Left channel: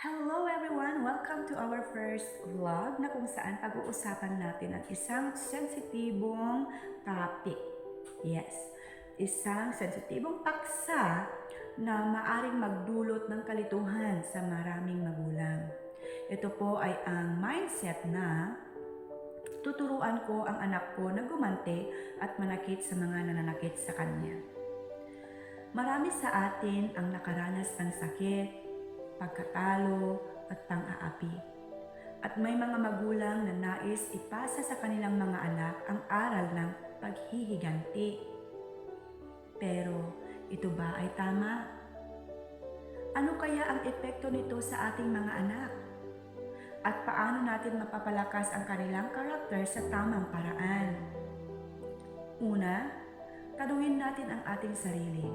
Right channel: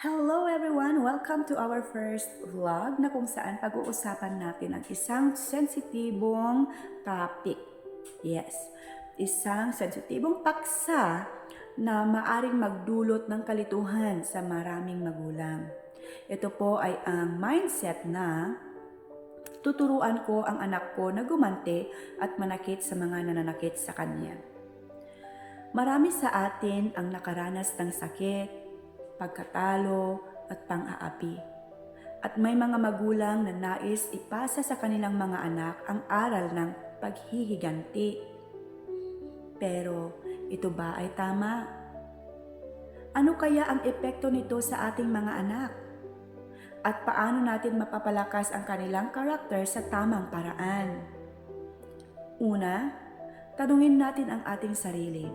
Hello everyone! Welcome to our first vlog na kung saan pag-uusapan natin ang isang sensitibong topic. Yes, isang sensitibong paksa na maaring magdulot ng kalituhan sa maraming magulang. Ito po ay ang mindset na tuturuan ko ang anak ko na gumante at manakit sa mga nananakit sa kanya. Marami sa atin ang nakaranas ng sakit, pagkatalo at pang-aapi. At may mga magulang na nais ipasa sa kanilang mga anak ang aral ng paghihiganti. Pero ito ba ay tama? Ano kaya ang epekto nito sa ating mga anak? At paano natin mapapalakas ang kanilang karakter sa tamang paraan? Una, tanungin natin ang ating sarili.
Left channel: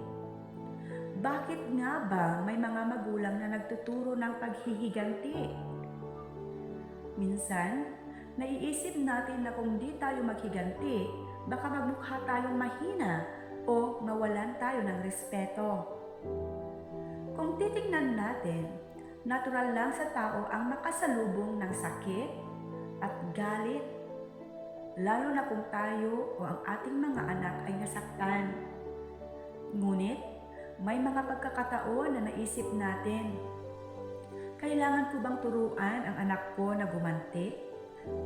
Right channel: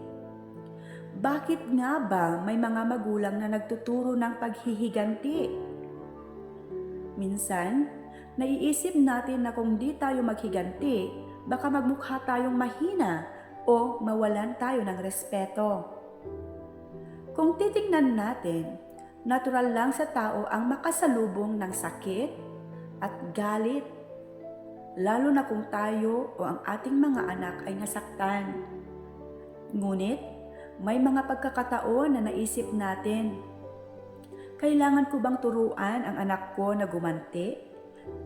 Bakit nga ba may mga magulang na nagtuturo ng paghihiganti? Minsan, naiisip natin na kung di tayo maghiganti, baka magmukha tayong mahina o mawalan tayo ng respeto. Kung titingnan natin, natural lang sa tao ang makasalubong ng sakit at galit, lalo na kung tayo o ang ating mga anak ay nasaktan. Ngunit, may mga pagkakataon na naisip natin, kailangan ko bang turuan ang anak ko na gumanti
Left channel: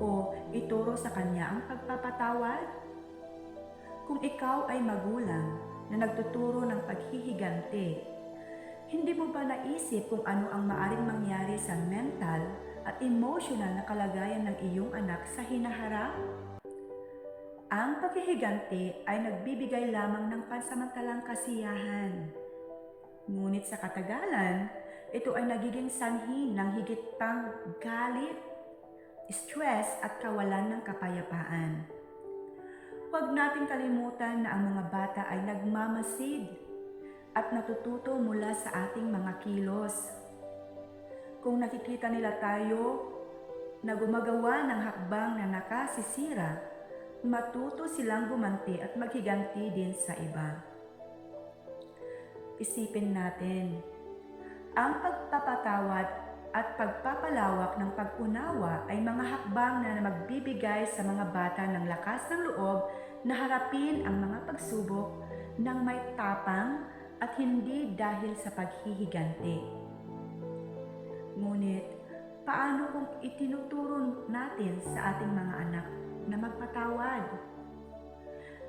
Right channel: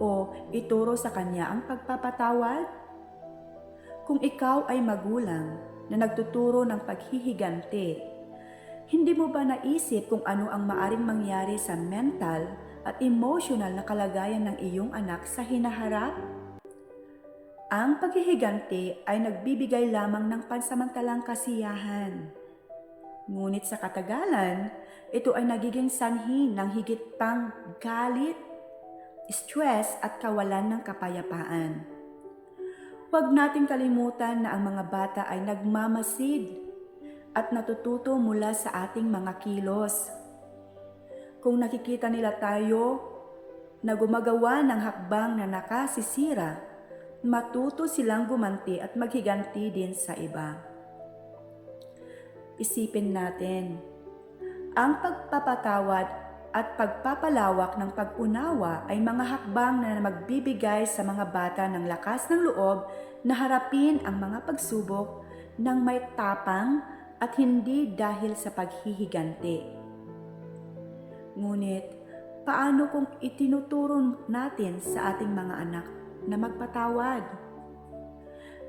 o ituro sa kanya ang pagpapatawad? Kung ikaw ay magulang na nagtuturo ng paghihiganti, hindi mo ba naisip kung ano ang maaring mangyari sa mental at emotional na kalagayan ng iyong anak sa hinaharap? Ang paghihiganti ay nagbibigay lamang ng pansamantalang kasiyahan. Ngunit sa katagalan, ito ay nagiging sanhi ng higit pang galit, stress at kawalan ng kapayapaan. Huwag nating kalimutan na ang mga bata ay nagmamasid at natututo mula sa ating mga kilos. Kung nakikita nila tayo na gumagawa ng hakbang na nakasisira, matuto silang gumanti at maghiganti din sa iba. Isipin natin, ang pagpapatawad at pagpapalawak ng pag-unawa ay mga hakbang na magbibigay sa mga bata ng lakas ng loob na harapin ang mga pagsubok ng may tapang at hindi dahil sa paghihiganti. Ngunit, paano kung itinuturo natin sa ating mga anak na magpatawad?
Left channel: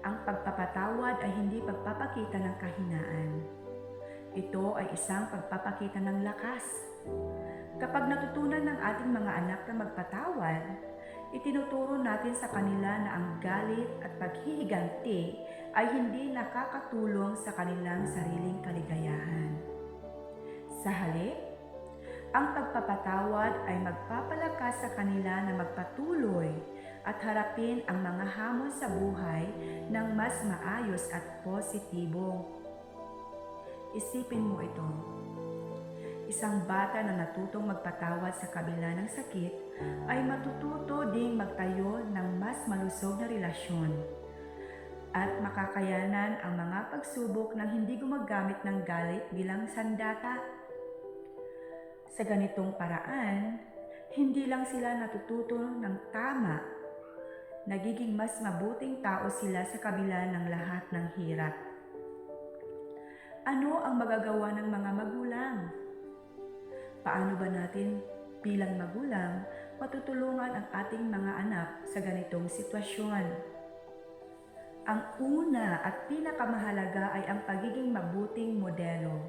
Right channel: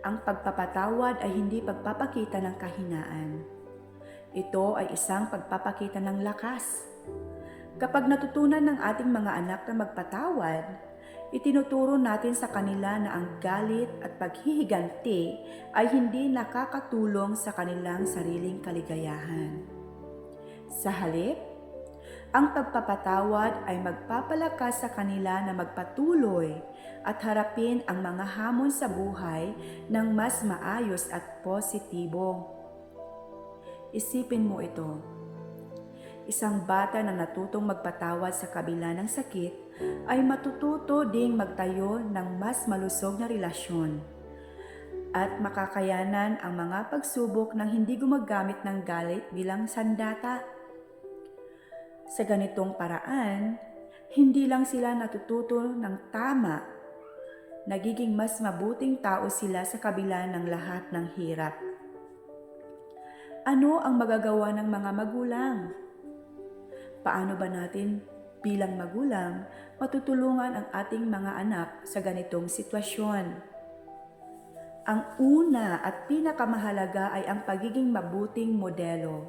Ang pagpapatawad ay hindi pagpapakita ng kahinaan. Ito ay isang pagpapakita ng lakas. Kapag natutunan ng ating mga anak na magpatawad, itinuturo natin sa kanila na ang galit at paghihiganti ay hindi nakakatulong sa kanilang sariling kaligayahan. Sa halip, ang pagpapatawad ay magpapalakas sa kanila na magpatuloy at harapin ang mga hamon sa buhay ng mas maayos at positibo. Isipin mo ito. Isang bata na natutong magpatawad sa kabila ng sakit ay matututo ding magtayo ng mas malusog na relasyon at makakayanan ang mga pagsubok ng hindi gumagamit ng galit bilang sandata. Sa ganitong paraan, hindi lang sila natututo ng tama, nagiging mas mabuting tao sila sa kabila ng lahat ng hirap. Ano ang magagawa ng mga magulang? Paano ba natin bilang magulang matutulungan ang ating mga anak sa ganitong sitwasyon? Ang una at pinakamahalaga ay ang pagiging mabuting modelo.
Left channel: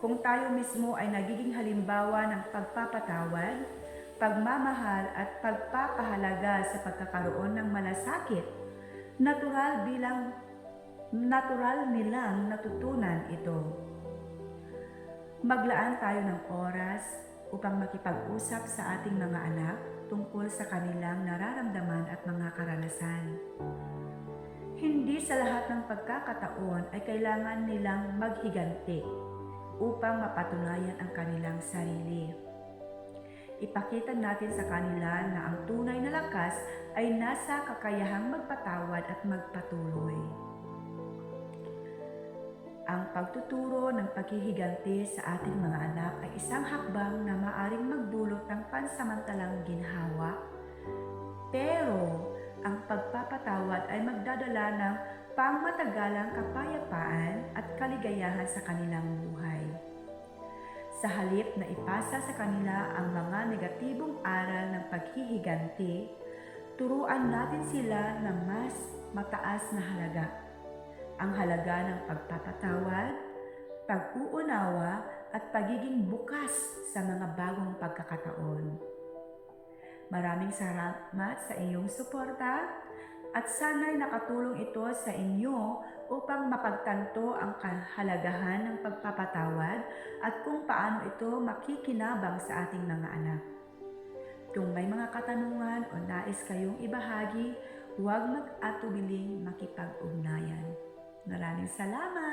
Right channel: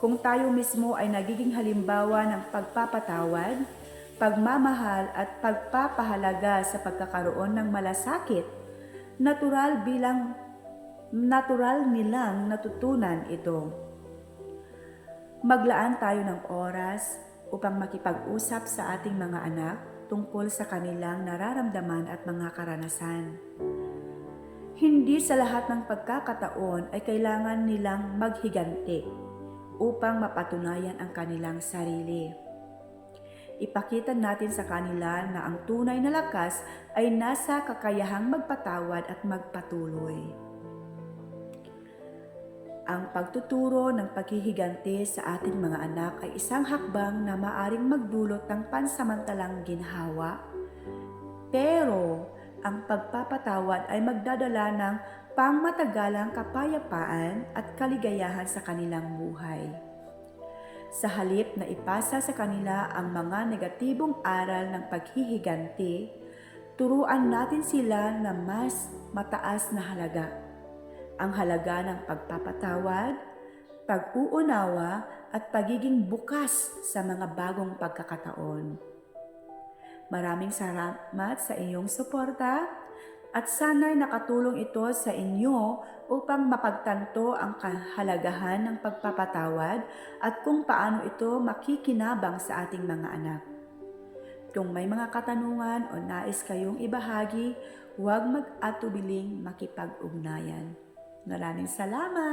Kung tayo mismo ay nagiging halimbawa ng pagpapatawad, pagmamahal at pagpapahalaga sa pagkakaroon ng malasakit, natural bilang natural nilang natutunan ito. Maglaan tayo ng oras upang makipag-usap sa ating mga anak tungkol sa kanilang nararamdaman at mga karanasan. Hindi sa lahat ng pagkakataon ay kailangan nilang maghiganti upang mapatunayan ang kanilang sarili. Ipakita natin sa kanila na ang tunay na lakas ay nasa kakayahang magpatawad at magpatuloy. Ang pagtuturo ng paghihiganti sa ating mga anak ay isang hakbang na maaring magdulot ng pansamantalang ginhawa. Pero ang pagpapatawad ay magdadala ng pangmatagalang kapayapaan at kaligayahan sa kanilang buhay. Sa halip na ipasa sa kanila ang mga negatibong aral ng paghihiganti, turuan natin sila na mas mataas na halaga. Ang halaga ng pagpapatawad, pag-uunawa at pagiging bukas sa mga bagong pagkakataon. Maraming salamat sa iyong suporta at sana'y nakatulong ito sa inyo upang mapagtanto ang kahalagahan ng pagpapatawad at kung paano ito makikinabang sa ating mga anak. Kung may mga katanungan o nais kayong ibahagi, huwag mag-atubiling makipag-ugnayan. Maraming salamat!